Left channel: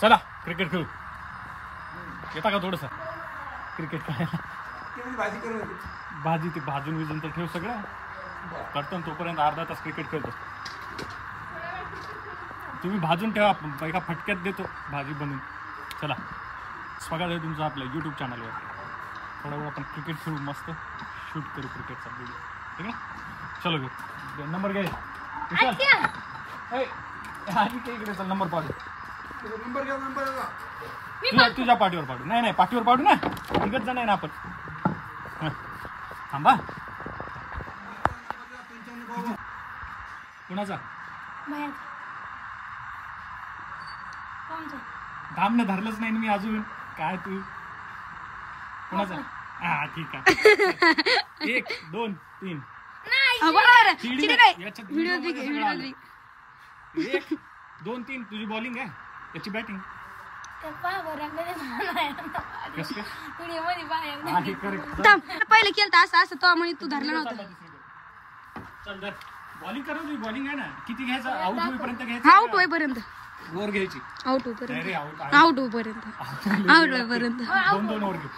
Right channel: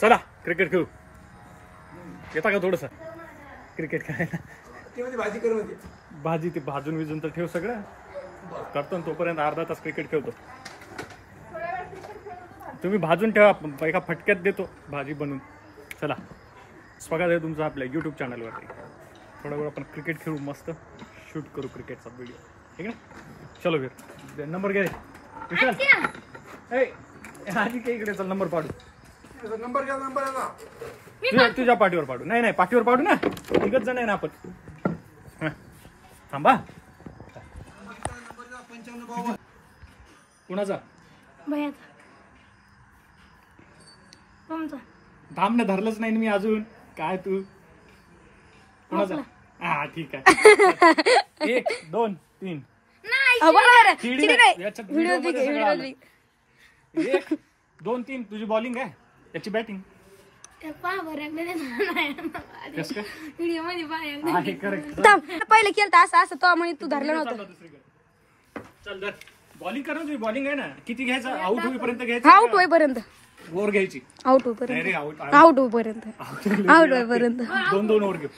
चला क्रिकेट खेळू. येता का थोडस क्रिकेट खेळायला? भाजी ते भाजून विजून तर ठेव सगळं करतो ना, तोपर्यंत अर्धा तास क्रिकेट खेळतो. तुम्ही भाजून ठेवा, एका फटक्यात देतो भाजी बनवून. चला स्वागत आहे तुमचं आपल्या यूट्यूब चॅनलवर. थोडा वेळ आपण क्रिकेट खेळू, मस्त शूट करू क्रिकेटचा व्हिडिओ. ठीक आहे, चलो घेऊ. नंबर घे विशाल. आधी काही इकडे चल, नंबर पाडू. नंबर घ्या. तुझ्या पाठीवर पाडू. नाही पाठीवर पाडू ना, निघत जण आहे ना आपण. थांबा. कुणाचा? थांब ना, धरलंच नाही मी अजून. काय तू कुणाचा? हा ठीक आहे. 1 2 3. 1 2 3 तुझी बॉलिंग आहे, त्याची बॅटिंग. पहिले केलं असं असं तो म्हणे तू धरलं नव्हतं. चल धर. बॉलिंग कर ना, तुझी बॉलिंग आहे ना. किती घ्यायचं? आउट होईपर्यंत घ्यायचं. आउट होईपर्यंत ओव्हर घ्यायची. आउट होईपर्यंत नाही रे, आउट होईपर्यंत आउट होईपर्यंत 2 ओव्हर घेऊ.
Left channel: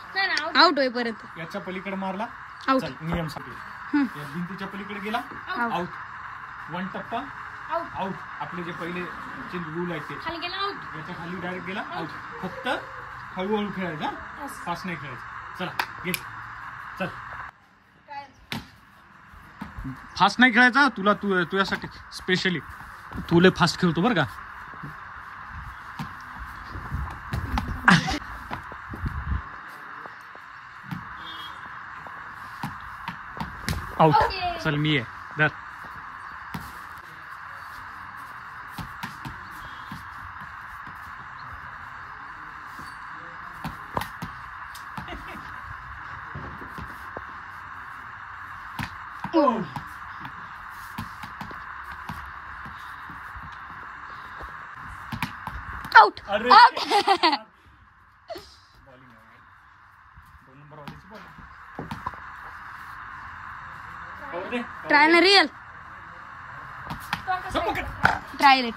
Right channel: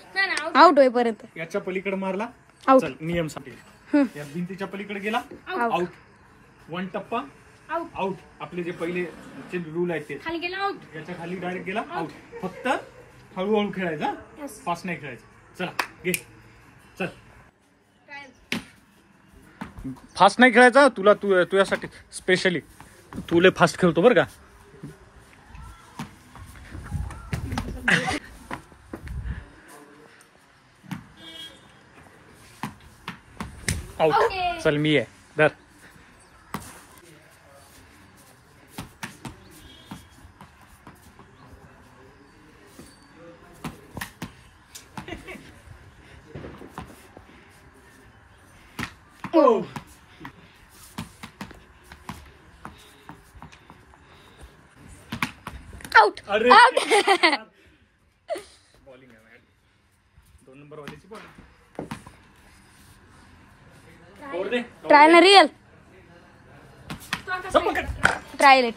आउट होईपर्यंत. याच्या पलीकडे मारला आउट. नियम साठी. या भिंतीच्या पलीकडे गेला आउट. 1 टप्पा आउट. आपले जे पहिले रूल आहेत ते. याच्या खाली डायरेक्ट गेला आउट. फक्त हळूहळू खेळायचं, फास्ट नाही खेळायचं. चला घे. चल फास्ट नाही खेळायचा. तुला तुझ्यासाठी स्पेशली तुले फास्ट खेळतो बरं का. आउट. चल मी आहे धर. आउट. अरे आउट. बॉलिंग 2 नंबर वालीची bowling. Trial real trial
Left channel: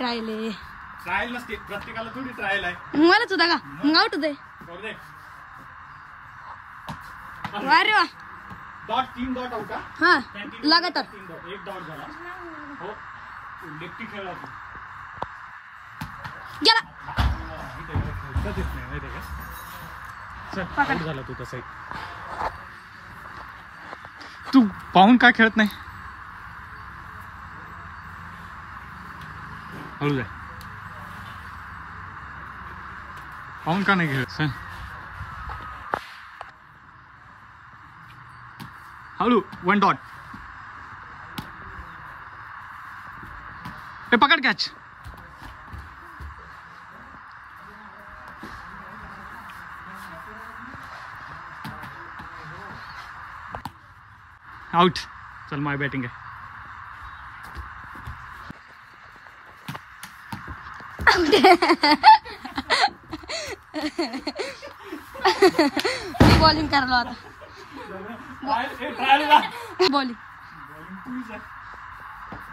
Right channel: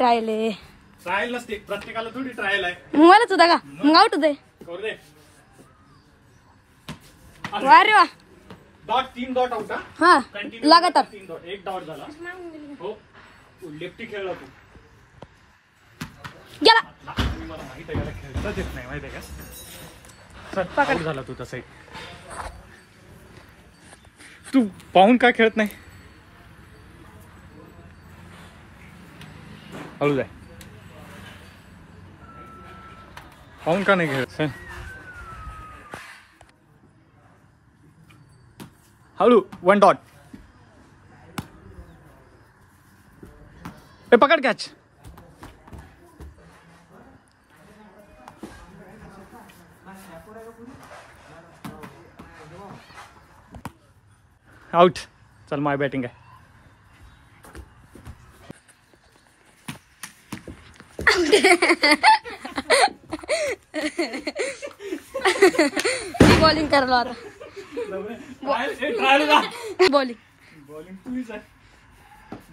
trial नसते, प्रत्येकाला थोडी ट्रायल आहे. मलाच होता का मग? आउट होते. वा रे वा. Dot 3 dot out. हा लगातार 1 डॉट झाला. हो लेफ्टी खेळला तू. गेला. पकड झाला तू. तसे तू पाहून काय खेळत नाही? हळू जाय. पाहून का नाही खेळत? हळू. 1 डॉट. ए पकड कॅच. आउट. चल माय बॅटिंग आहे. बॉलिंग करलो आता. बॉलिंग पुलीस आहे.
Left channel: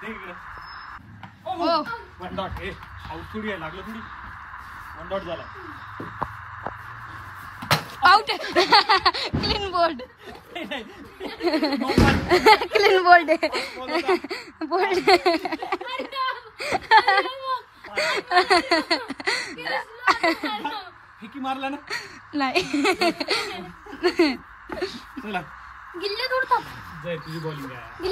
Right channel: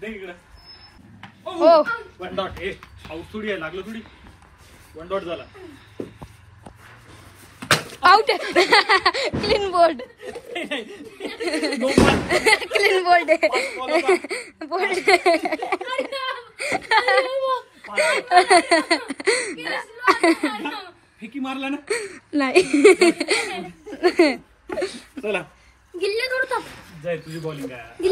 दे इकडे. हो 1 डॉट. हे आउट थोडी आहे, लागलं थोडी. 1 डॉट झाला. Out. Clean bold. Clean bold. Bold. फेकी मारला ना. नाही. चला जाय, तुझी बॉलिंग आहे.